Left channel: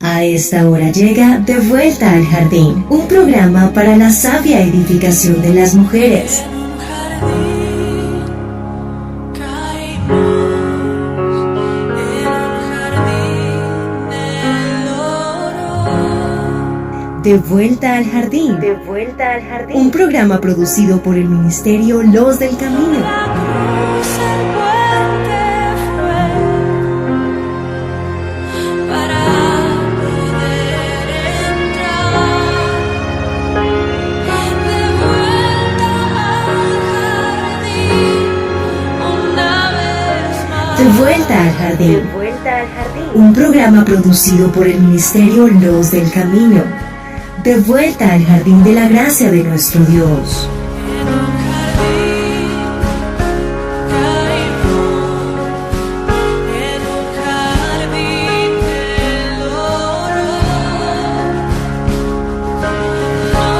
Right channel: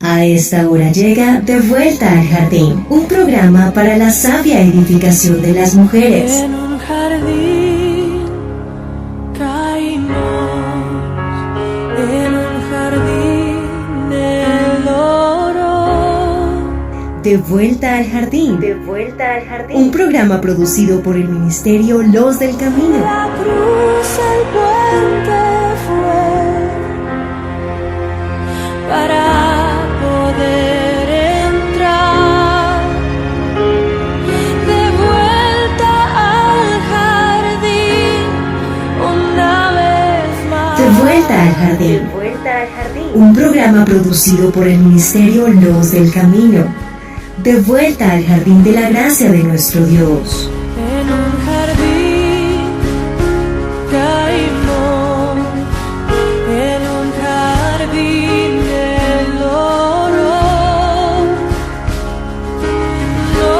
A esta hora llega De Vuelta al Jardín, un programa para la sabia edificación de las mujeres. En un jardín caímos, en un jardín el oro. De Vuelta al Jardín. De Vuelta al Jardín. Un programa producido por el Ministerio Los del Camino. La cruz, el puente fue para poder entrar de vuelta al jardín una vez más. De Vuelta al Jardín. De Vuelta al Jardín. Un programa producido por el Ministerio Los del Camino. De vuelta al jardín de la gracia de nuestro Dios. En un jardín caímos, en un jardín del oro. No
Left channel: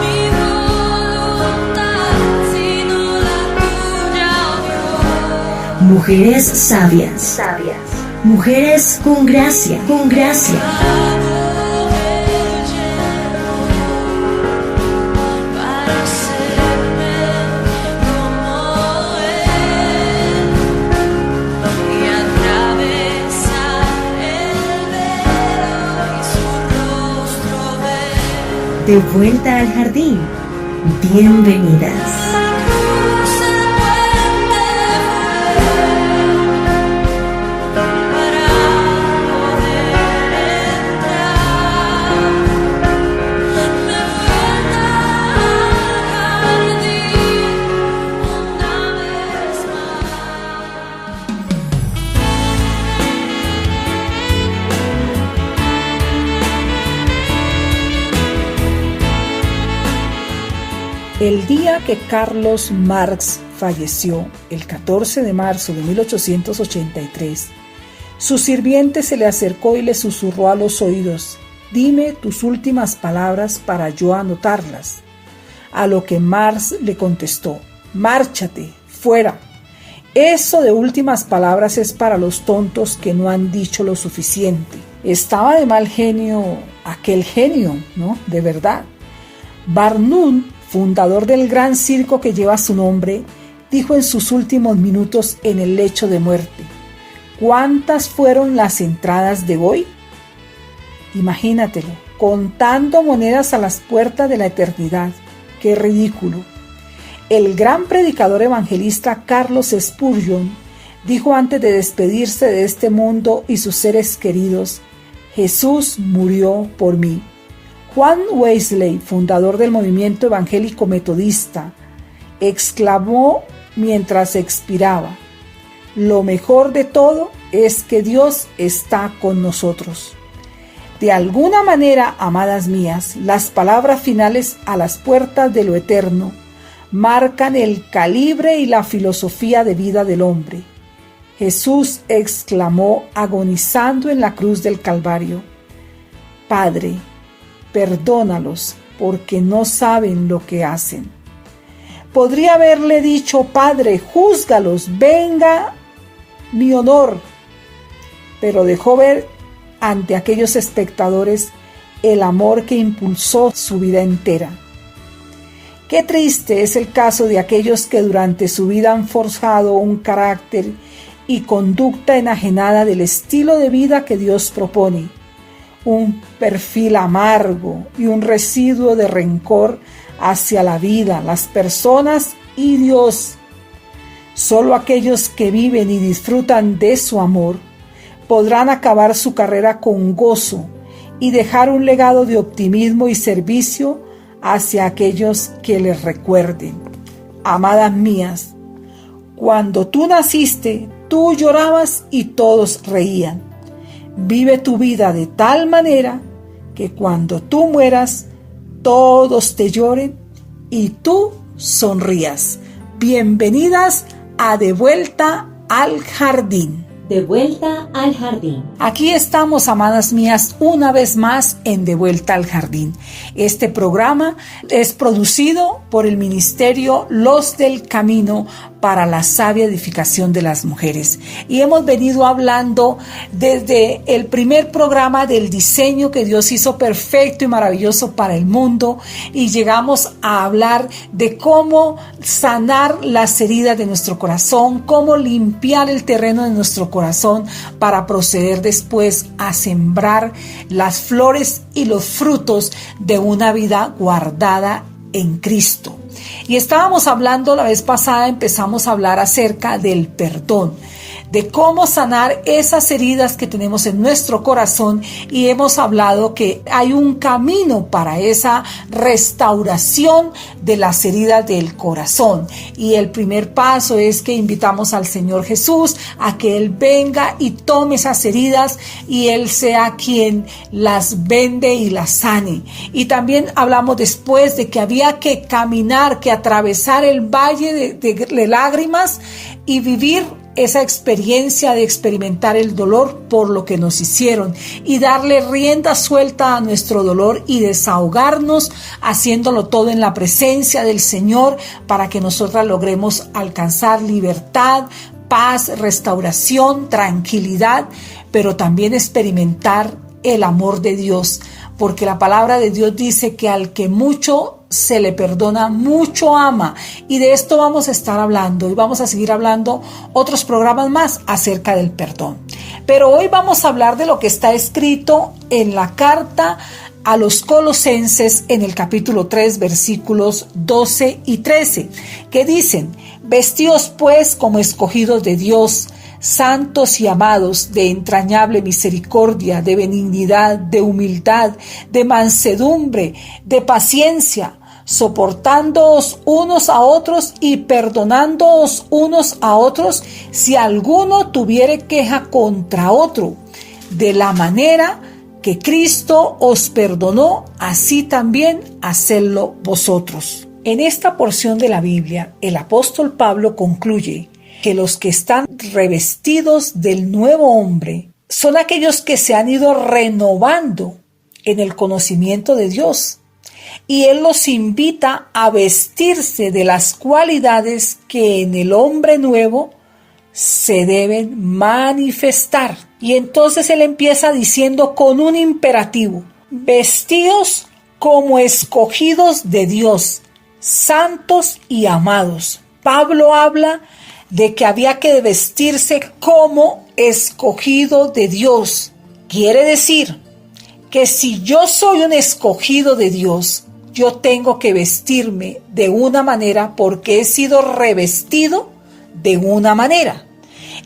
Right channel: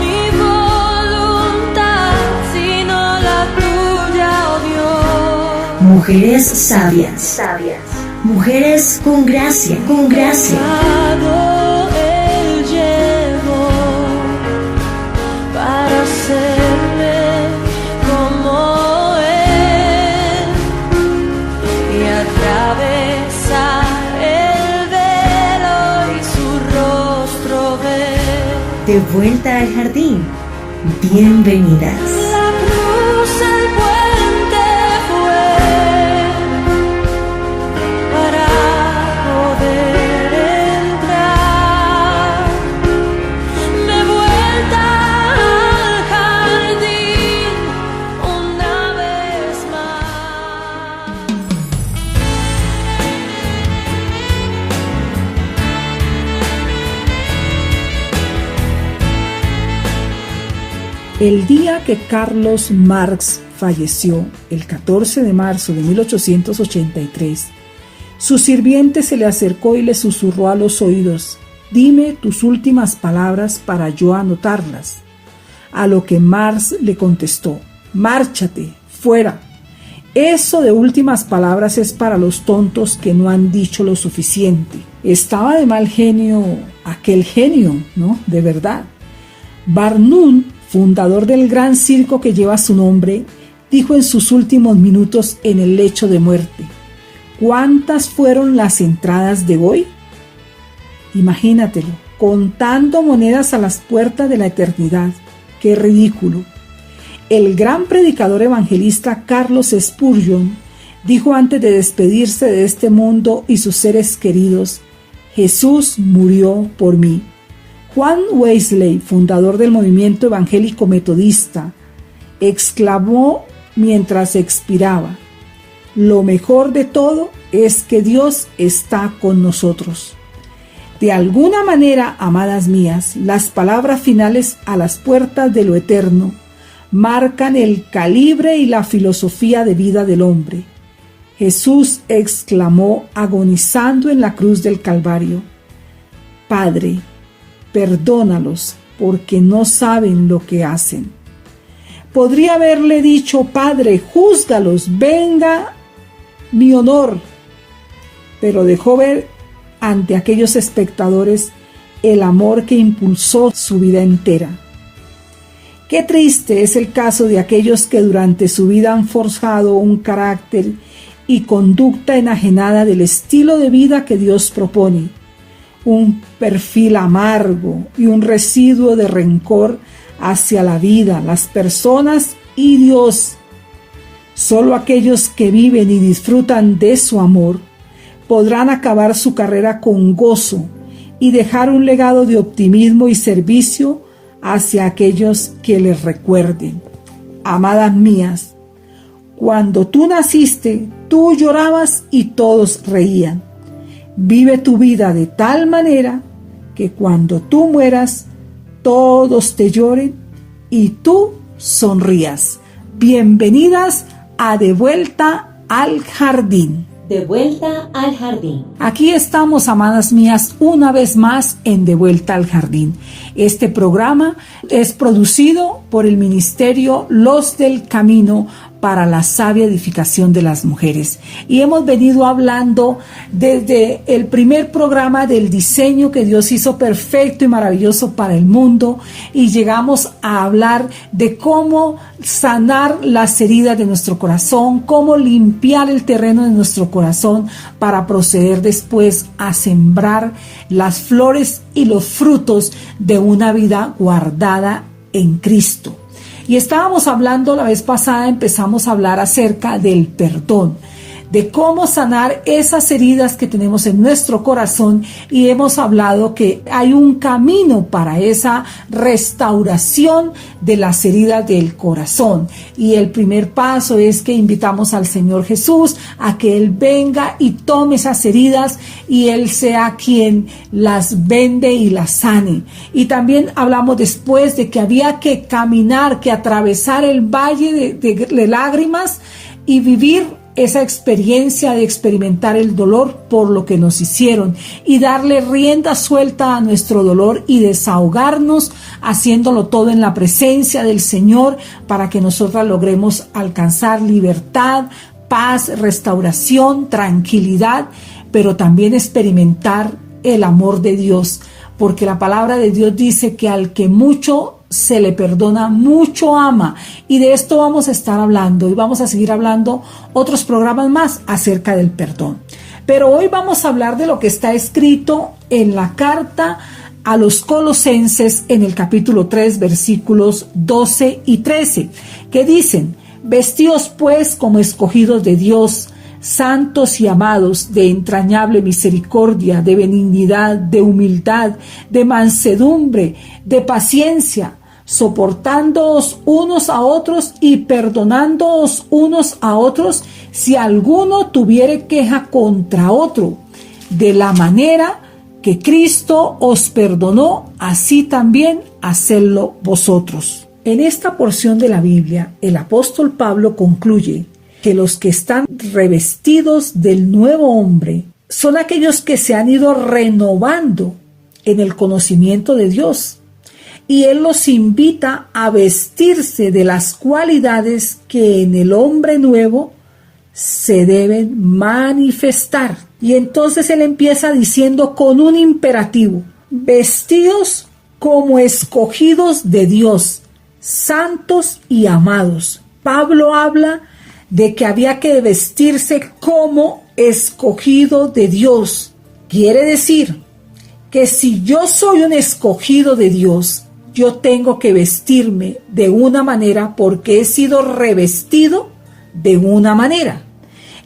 mi voluntad, sino la tuya, oh Dios. Mujeres sabias. Sabias. Mujeres con gracia. Con gracia. Él llevó para hacerme como Él y atravesar el velo y su rostro ver. De vuelta al jardín. Bienvenidas. La cruz, el puente fue para poder entrar de vuelta al jardín una vez más. El día que Carlos Marx falleció, el 14 de marzo de 1883, su sirviente se le acercó y le susurró a los oídos: «Dime tus últimas palabras para yo anotarlas». A lo que Marx le contestó: «Márchate, fuera. Eso de últimas palabras es para los tontos que no han dicho lo suficiente». Estaba de mal genio aquel genio, ¿no? De verdad. Barnum, fundador del gran circo que lleva su nombre, dijo en sus últimos minutos en el lecho de muerte: ¿cuántas fueron las entradas de hoy? Imagínatelo, contando monedas a las puertas de la eternidad. ¡Qué ridículo! El gran predicador evangelista Carlos Spurgeon dijo antes de despedirse de este mundo y sus seres queridos: «Jesús murió por mí». Juan Wesley, fundador del movimiento evangélico metodista, exclamó mientras expiraba: «Lo mejor de todo es que Dios está con nosotros». De alguna manera, amadas mías, las palabras finales a las puertas de lo eterno marcan el calibre y la filosofía de vida del hombre. Jesús exclamó agonizando en la cruz del Calvario: «Padre, perdónalos, porque no saben lo que hacen». Podría haberle dicho: «Padre, júzgalos, venga mi honor», pero dejó ver ante aquellos espectadores el amor que impulsó su vida entera. Qué triste es el caso de aquellos que durante su vida han forjado un carácter y conducta enajenada del estilo de vida que Dios propone, un perfil amargo y un residuo de rencor hacia la vida, las personas y Dios. Solo aquellos que viven y disfrutan de su amor podrán acabar su carrera con gozo y dejar un legado de optimismo y servicio hacia aquellos que les recuerden. Amadas mías, cuando tú naciste, tú llorabas y todos reían. Vive tu vida de tal manera que cuando tú mueras, todos te lloren y tú sonrías. Bienvenidas a De Vuelta al Jardín. De vuelta al jardín. Aquí estamos, amadas mías, una vez más en De Vuelta al Jardín. Este programa es producido por el Ministerio Los del Camino para la sabia edificación de las mujeres. Y hemos venido hablando desde el primer programa del diseño que Dios hizo perfecto y maravilloso para el mundo, y llegamos a hablar de cómo sanar las heridas de nuestro corazón, cómo limpiar el terreno de nuestro corazón para proceder después a sembrar las flores y los frutos de una vida guardada en Cristo. Y estábamos hablando la vez pasada, empezamos a hablar acerca del perdón, de cómo sanar esas heridas que tenemos en nuestro corazón, y hemos hablado que hay un camino para esa restauración de las heridas del corazón. Y el primer paso es que invitamos al Señor Jesús a que Él venga y tome esas heridas y Él sea quien las vende y las sane. Y también hablamos después de que había que caminar, que atravesar el valle de lágrimas y vivir esa experiencia de experimentar el dolor por lo que nos hicieron, y darle rienda suelta a nuestro dolor y desahogarnos haciéndolo todo en la presencia del Señor, para que nosotras logremos alcanzar libertad, paz, restauración, tranquilidad, pero también experimentar el amor de Dios, porque la palabra de Dios dice que al que mucho se le perdona, mucho ama. Y de esto vamos a estar hablando, y vamos a seguir hablando otros programas más acerca del perdón. Pero hoy vamos a hablar de lo que está escrito en la carta a los Colosenses en el capítulo 3, versículos 12 y 13, que dicen: vestíos pues como escogidos de Dios, santos y amados, de entrañable misericordia, de benignidad, de humildad, de mansedumbre, de paciencia, soportándoos unos a otros y perdonándoos unos a otros si alguno tuviere queja contra otro. De la manera que Cristo os perdonó, así también hacedlo vosotros. En esta porción de la Biblia, el apóstol Pablo concluye que los que están revestidos del nuevo hombre son aquellos que se han ido renovando en el conocimiento de Dios. Y Él los invita a vestirse de las cualidades que en el hombre nuevo se deben manifestar. Y entonces Él empieza diciendo con un imperativo: vestidos como escogidos de Dios, santos y amados. Pablo habla de que había que vestirse como escogido de Dios. Quiere decir que si yo soy un escogido de Dios, yo tengo que vestirme de una manera porque he sido revestido de una manera.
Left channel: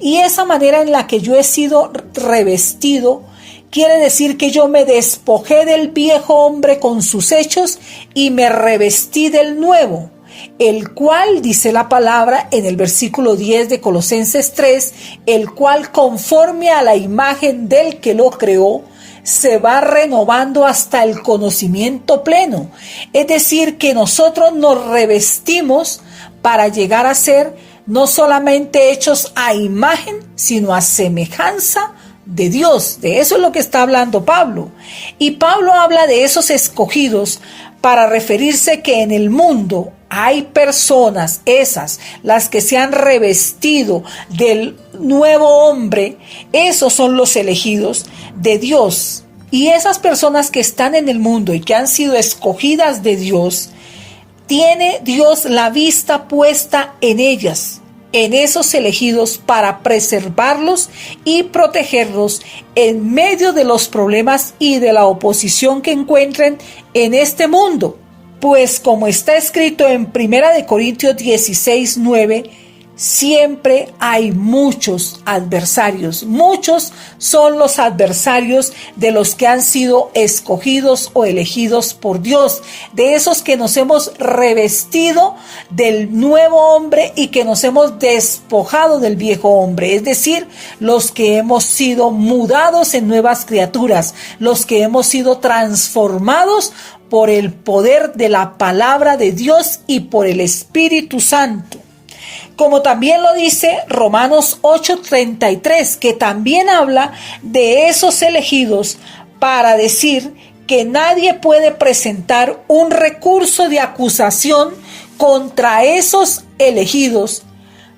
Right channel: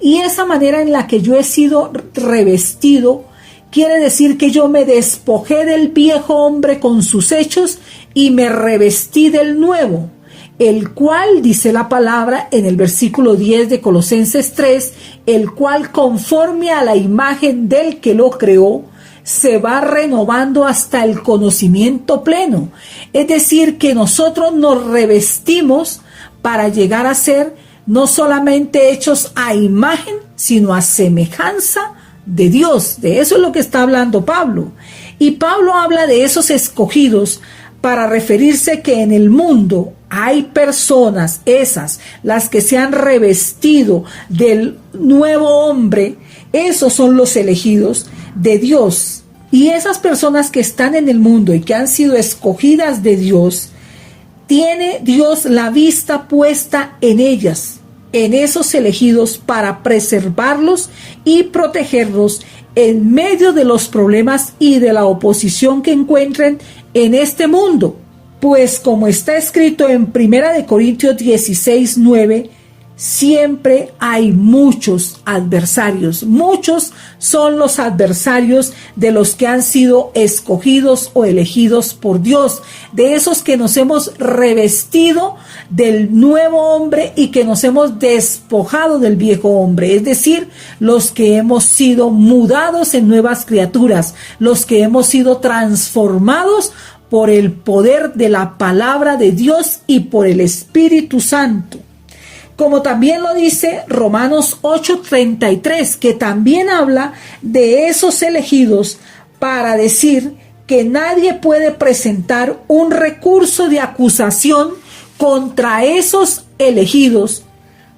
Y esa manera en la que yo he sido revestido quiere decir que yo me despojé del viejo hombre con sus hechos y me revestí del nuevo, el cual, dice la palabra en el versículo 10 de Colosenses 3, el cual conforme a la imagen del que lo creó, se va renovando hasta el conocimiento pleno. Es decir, que nosotros nos revestimos para llegar a ser no solamente hechos a imagen, sino a semejanza de Dios. De eso es lo que está hablando Pablo. Y Pablo habla de esos escogidos para referirse que en el mundo hay personas, esas, las que se han revestido del nuevo hombre. Esos son los elegidos de Dios. Y esas personas que están en el mundo y que han sido escogidas de Dios, tiene Dios la vista puesta en ellas, en esos elegidos, para preservarlos y protegerlos en medio de los problemas y de la oposición que encuentren en este mundo. Pues como está escrito en 1 Corintios 16, 9, siempre hay muchos adversarios. Muchos son los adversarios de los que han sido escogidos o elegidos por Dios, de esos que nos hemos revestido del nuevo hombre y que nos hemos despojado del viejo hombre, es decir, los que hemos sido mudados en nuevas criaturas, los que hemos sido transformados por el poder de la palabra de Dios y por el Espíritu Santo. Como también lo dice Romanos 8:33, que también habla de esos elegidos para decir que nadie puede presentar un recurso de acusación contra esos elegidos,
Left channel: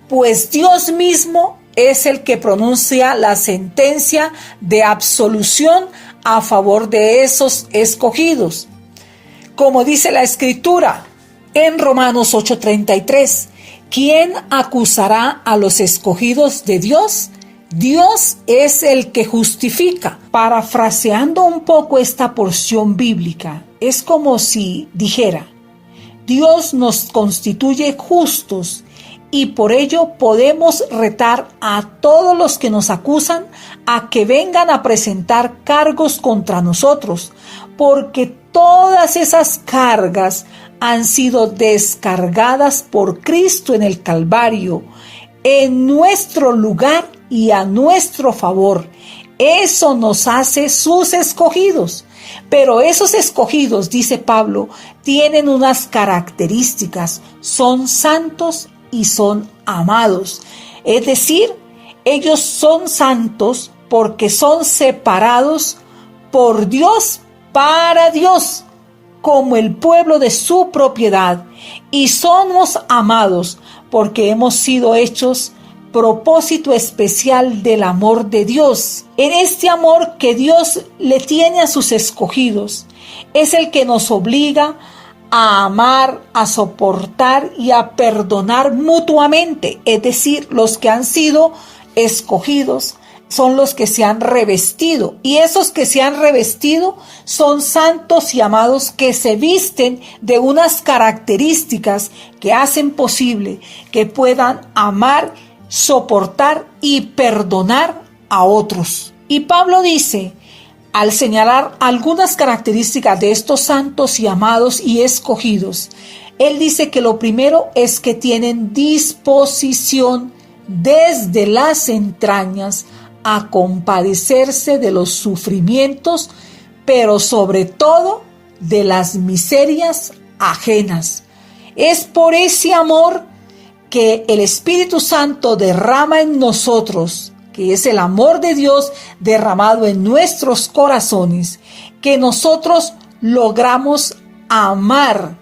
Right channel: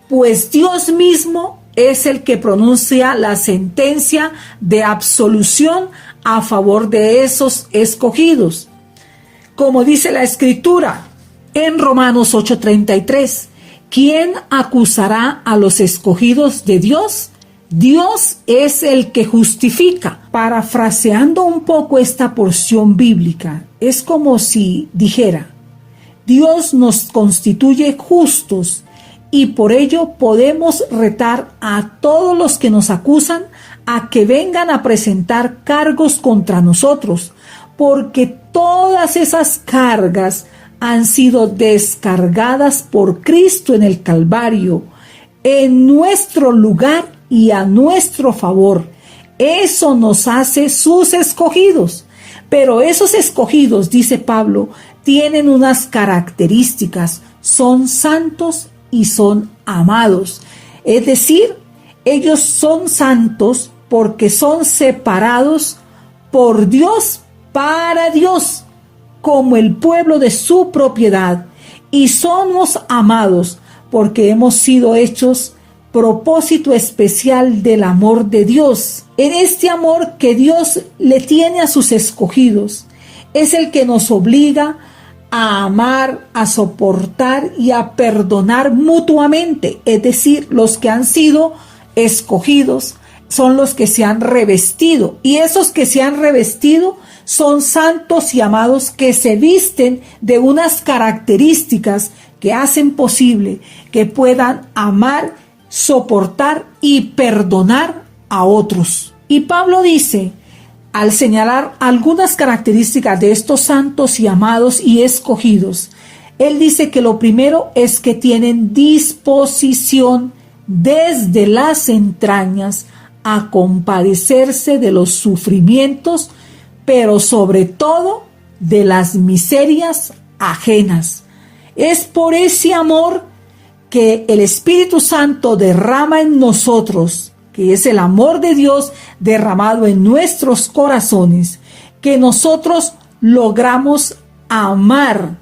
pues Dios mismo es el que pronuncia la sentencia de absolución a favor de esos escogidos. Como dice la Escritura en Romanos 8:33, ¿quién acusará a los escogidos de Dios? Dios es el que justifica. Parafraseando un poco esta porción bíblica, es como si dijera: Dios nos constituye justos y por ello podemos retar a todos los que nos acusan a que vengan a presentar cargos contra nosotros, porque todas esas cargas han sido descargadas por Cristo en el Calvario, en nuestro lugar y a nuestro favor. Eso nos hace sus escogidos. Pero esos escogidos, dice Pablo, tienen unas características: son santos y son amados. Es decir, ellos son santos porque son separados por Dios para Dios, como el pueblo de su propiedad, y somos amados porque hemos sido hechos propósito especial del amor de Dios. En este amor que Dios le tiene a sus escogidos, es el que nos obliga a amar, a soportar y a perdonar mutuamente. Es decir, los que han sido escogidos son los que se han revestido, y esos que se han revestido son santos y amados que se visten de unas características que hacen posible que puedan amar, soportar y perdonar a otros. Y Pablo dice, al señalar algunas características de estos santos y amados y escogidos, él dice que lo primero es que tienen disposición desde las entrañas a compadecerse de los sufrimientos, pero sobre todo de las miserias ajenas. Es por ese amor que el Espíritu Santo derrama en nosotros, que es el amor de Dios derramado en nuestros corazones, que nosotros logramos amar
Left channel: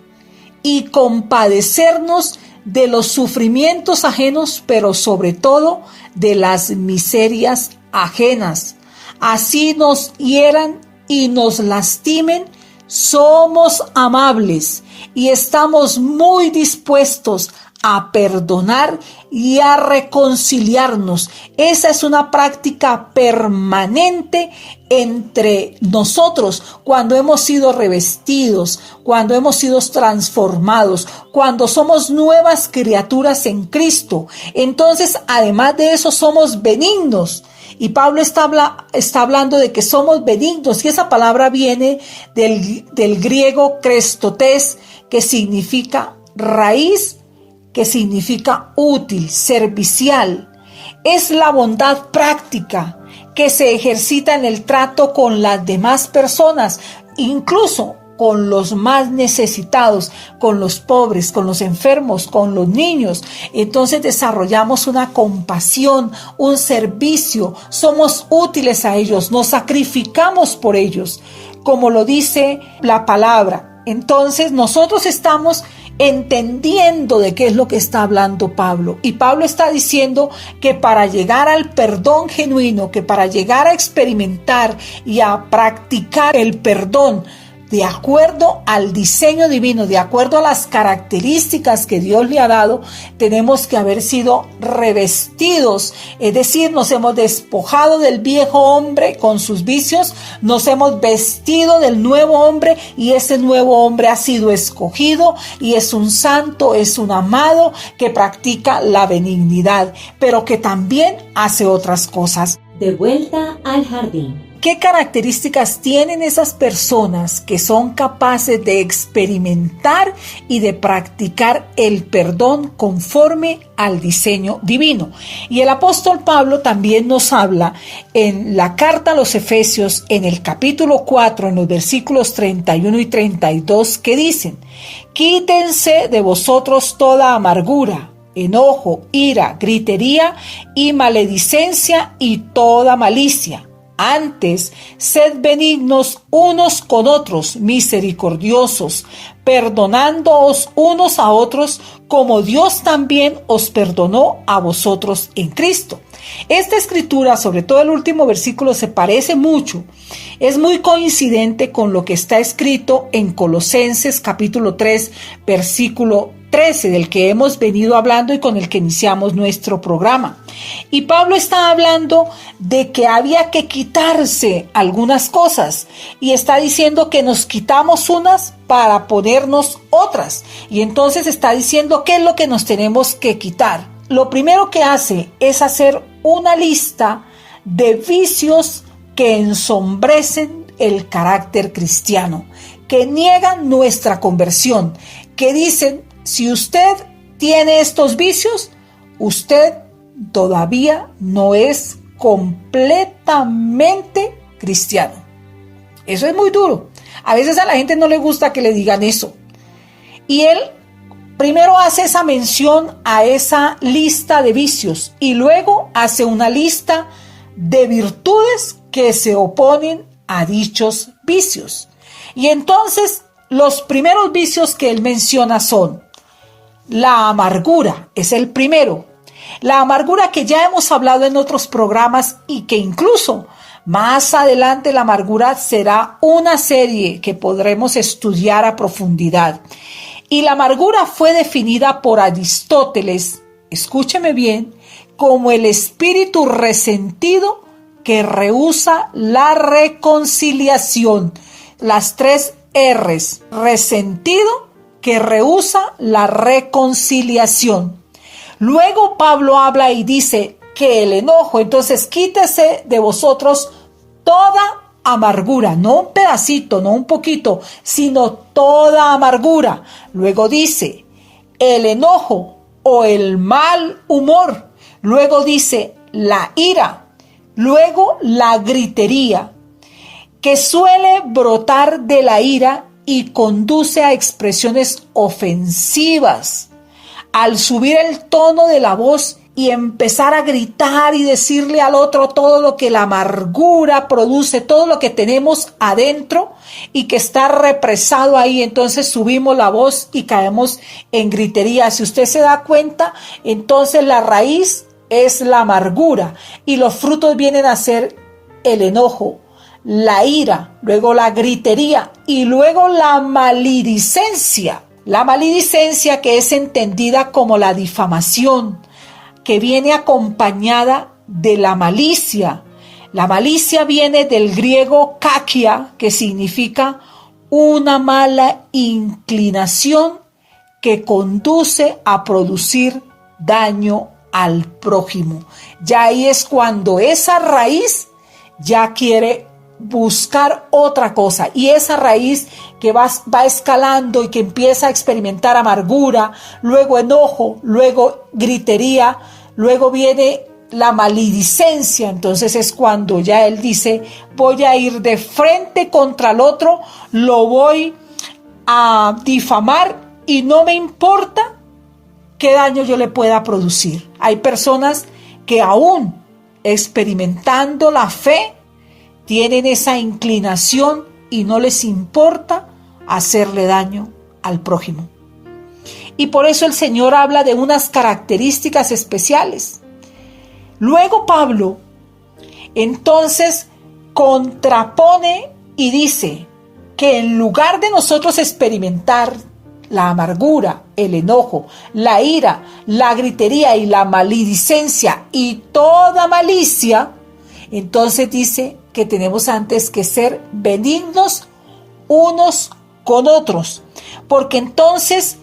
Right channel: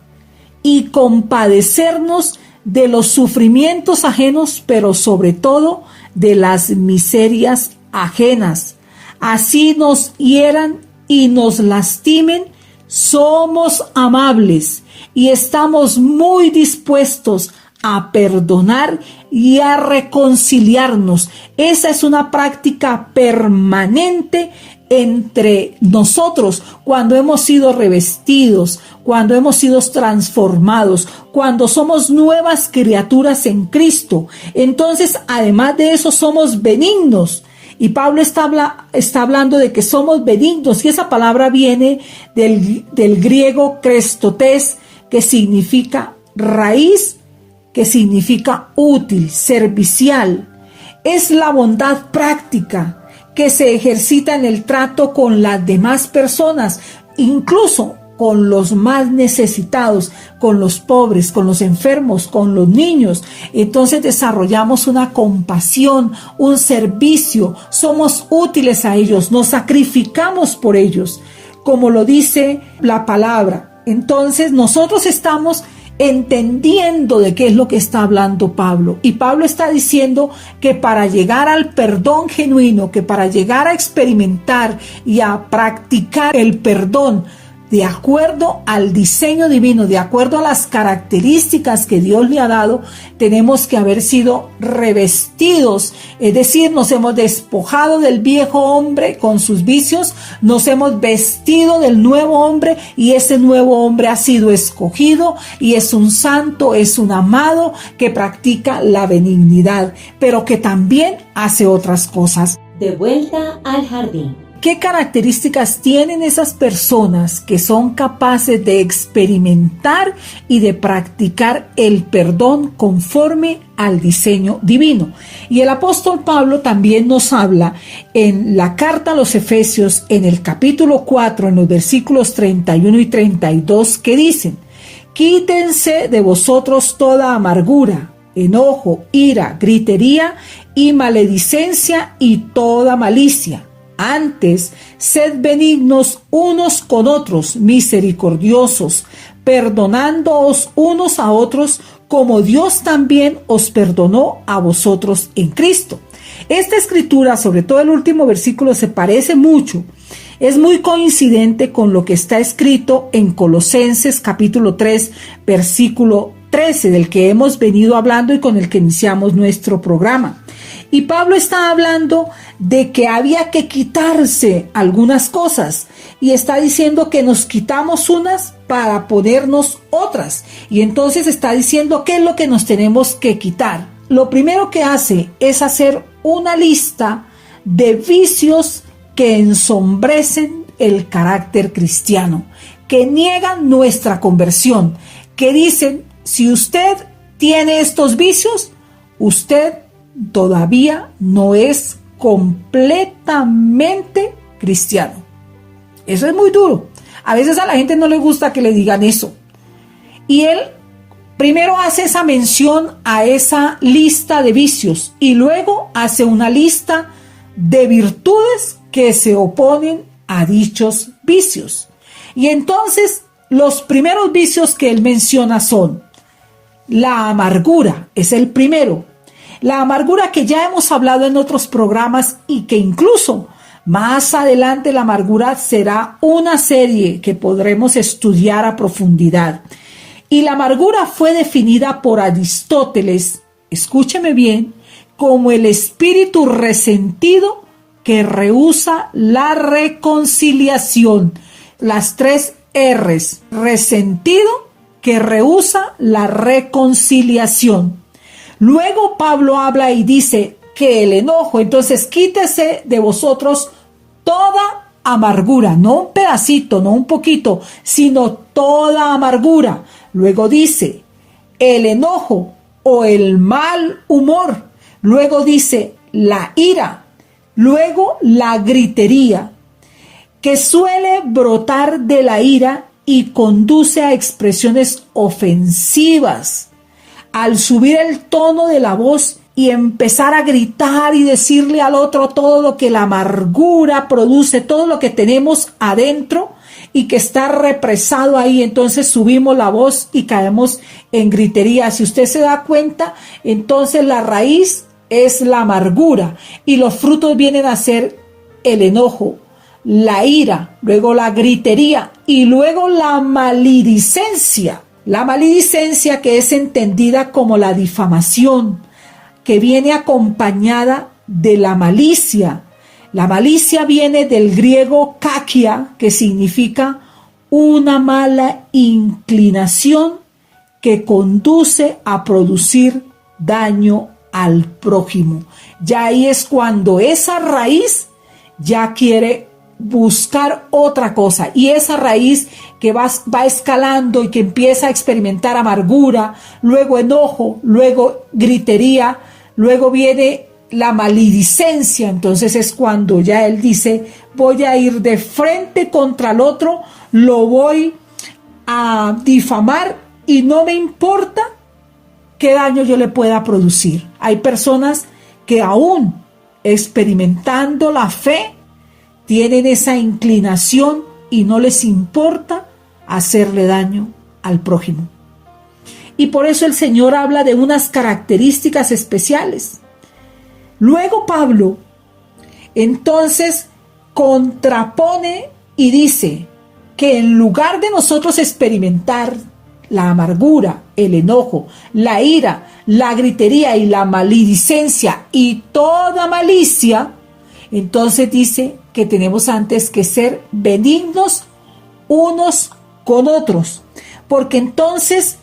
y compadecernos de los sufrimientos ajenos, pero sobre todo de las miserias ajenas. Así nos hieran y nos lastimen, somos amables y estamos muy dispuestos a perdonar y a reconciliarnos. Esa es una práctica permanente entre nosotros cuando hemos sido revestidos, cuando hemos sido transformados, cuando somos nuevas criaturas en Cristo. Entonces, además de eso, somos benignos. Y Pablo está hablando de que somos benignos, y esa palabra viene del griego krestotes, que significa raíz, que significa útil, servicial. Es la bondad práctica que se ejercita en el trato con las demás personas, incluso con los más necesitados, con los pobres, con los enfermos, con los niños. Entonces desarrollamos una compasión, un servicio, somos útiles a ellos, nos sacrificamos por ellos, como lo dice la palabra. Entonces nosotros estamos entendiendo de qué es lo que está hablando Pablo. Y Pablo está diciendo que para llegar al perdón genuino, que para llegar a experimentar y a practicar el perdón de acuerdo al diseño divino, de acuerdo a las características que Dios le ha dado, tenemos que haber sido revestidos, es decir, nos hemos despojado del viejo hombre con sus vicios, nos hemos vestido del nuevo hombre, y ese nuevo hombre ha sido escogido y es un santo, es un amado que practica la benignidad, pero que también hace otras cosas. De vuelta al jardín. ¿Qué características tienen esas personas que son capaces de experimentar y de practicar el perdón conforme al diseño divino? Y el apóstol Pablo también nos habla en la carta a los Efesios, en el capítulo 4, en los versículos 31 y 32, que dicen: quítense de vosotros toda amargura, enojo, ira, gritería y maledicencia y toda malicia. Antes, sed benignos unos con otros, misericordiosos, perdonándoos unos a otros, como Dios también os perdonó a vosotros en Cristo. Esta escritura, sobre todo el último versículo, se parece mucho. Es muy coincidente con lo que está escrito en Colosenses capítulo 3, versículo 13, del que hemos venido hablando y con el que iniciamos nuestro programa. Y Pablo está hablando de que había que quitarse algunas cosas y está diciendo que nos quitamos unas para ponernos otras. Y entonces está diciendo qué es lo que nos tenemos que quitar. Lo primero que hace es hacer una lista de vicios que ensombrecen el carácter cristiano, que niegan nuestra conversión, que dicen, si usted tiene estos vicios, usted todavía no es completamente cristiano. Eso es muy duro. A veces a la gente no le gusta que le digan eso. Y él primero hace esa mención a esa lista de vicios y luego hace una lista de virtudes que se oponen a dichos vicios. Y entonces los primeros vicios que él menciona son la amargura, es el primero. La amargura que ya hemos hablado en otros programas y que incluso más adelante la amargura será una serie que podremos estudiar a profundidad. Y la amargura fue definida por Aristóteles, escúcheme bien, como el espíritu resentido que rehúsa la reconciliación. Las 3 R's, resentido que rehúsa la reconciliación. Luego Pablo habla y dice que el enojo, entonces quítese de vosotros toda amargura, no un pedacito, no un poquito, sino toda amargura. Luego dice el enojo o el mal humor. Luego dice la ira. Luego la gritería, que suele brotar de la ira y conduce a expresiones ofensivas. Al subir el tono de la voz y empezar a gritar y decirle al otro todo lo que la amargura produce, todo lo que tenemos adentro y que está represado ahí, entonces subimos la voz y caemos en gritería. Si usted se da cuenta, entonces la raíz es la amargura y los frutos vienen a ser el enojo, la ira, luego la gritería y luego la maledicencia. La maledicencia, que es entendida como la difamación, que viene acompañada de la malicia. La malicia viene del griego kakia, que significa una mala inclinación que conduce a producir daño al prójimo. Ya ahí es cuando esa raíz ya quiere buscar otra cosa, y esa raíz que va escalando y que empieza a experimentar amargura, luego enojo, luego gritería, luego viene la maledicencia. Entonces es cuando ya él dice, voy a ir de frente contra el otro, lo voy a difamar y no me importa qué daño yo le pueda producir. Hay personas que aún experimentando la fe tienen esa inclinación y no les importa hacerle daño al prójimo. Y por eso el Señor habla de unas características especiales. Luego Pablo entonces contrapone y dice que en lugar de nosotros experimentar la amargura, el enojo, la ira, la gritería y la maledicencia y toda malicia, entonces dice que tenemos antes que ser benignos unos con otros, porque entonces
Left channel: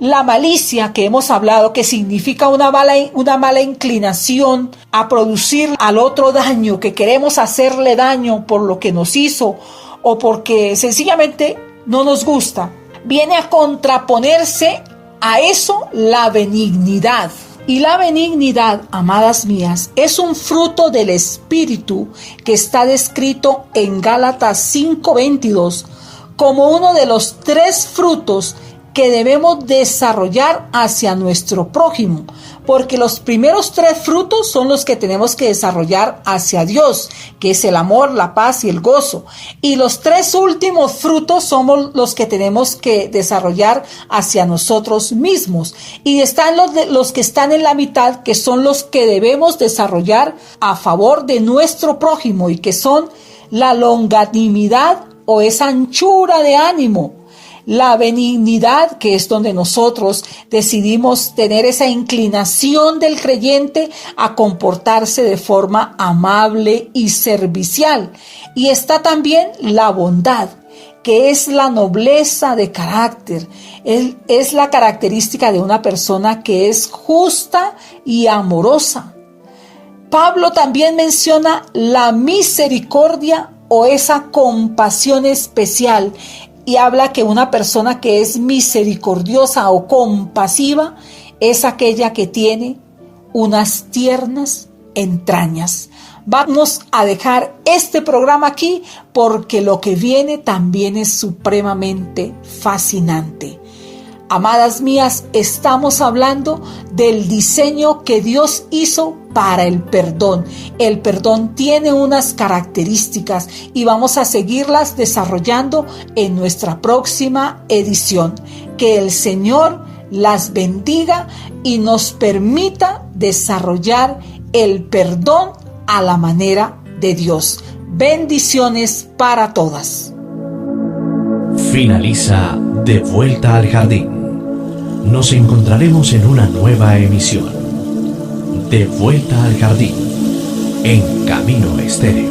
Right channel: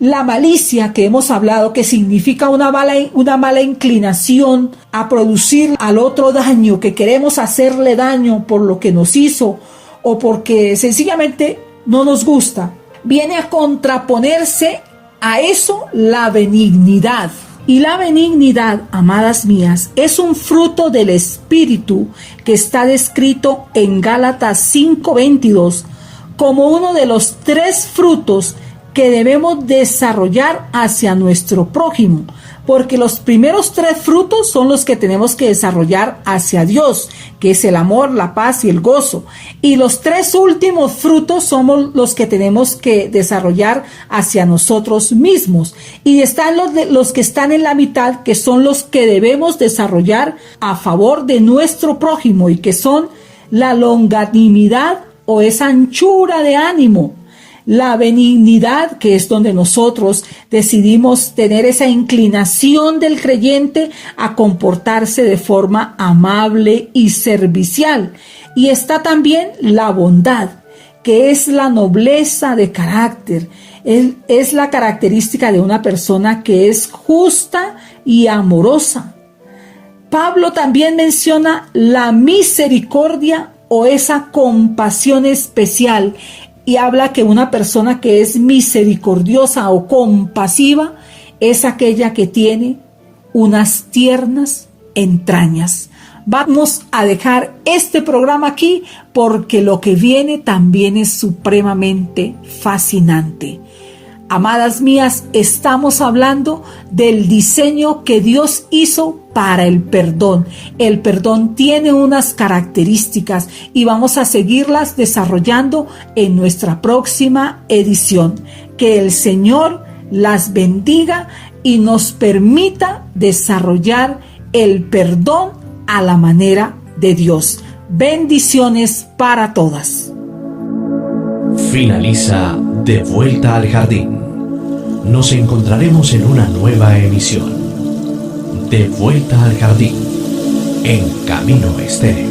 la malicia que hemos hablado, que significa una mala inclinación a producir al otro daño, que queremos hacerle daño por lo que nos hizo o porque sencillamente no nos gusta, viene a contraponerse a eso la benignidad. Y la benignidad, amadas mías, es un fruto del Espíritu que está descrito en Gálatas 5:22 como uno de los 3 frutos que debemos desarrollar hacia nuestro prójimo, porque los primeros 3 frutos son los que tenemos que desarrollar hacia Dios, que es el amor, la paz y el gozo, y los 3 últimos frutos somos los que tenemos que desarrollar hacia nosotros mismos, y están los que están en la mitad, que son los que debemos desarrollar a favor de nuestro prójimo, y que son la longanimidad o esa anchura de ánimo, la benignidad, que es donde nosotros decidimos tener esa inclinación del creyente a comportarse de forma amable y servicial. Y está también la bondad, que es la nobleza de carácter, es la característica de una persona que es justa y amorosa. Pablo también menciona la misericordia o esa compasión especial, y habla que una persona que es misericordiosa o compasiva es aquella que tiene unas tiernas entrañas. Vamos a dejar este programa aquí porque lo que viene también es supremamente fascinante. Amadas mías, estamos hablando del diseño que Dios hizo para el perdón. El perdón tiene unas características y vamos a seguirlas desarrollando en nuestra próxima edición. Que el Señor las bendiga y nos permita desarrollar el perdón a la manera de Dios. Bendiciones para todas. Finaliza De Vuelta al Jardín. Nos encontraremos en una nueva emisión. De Vuelta al Jardín, en Camino Estéreo.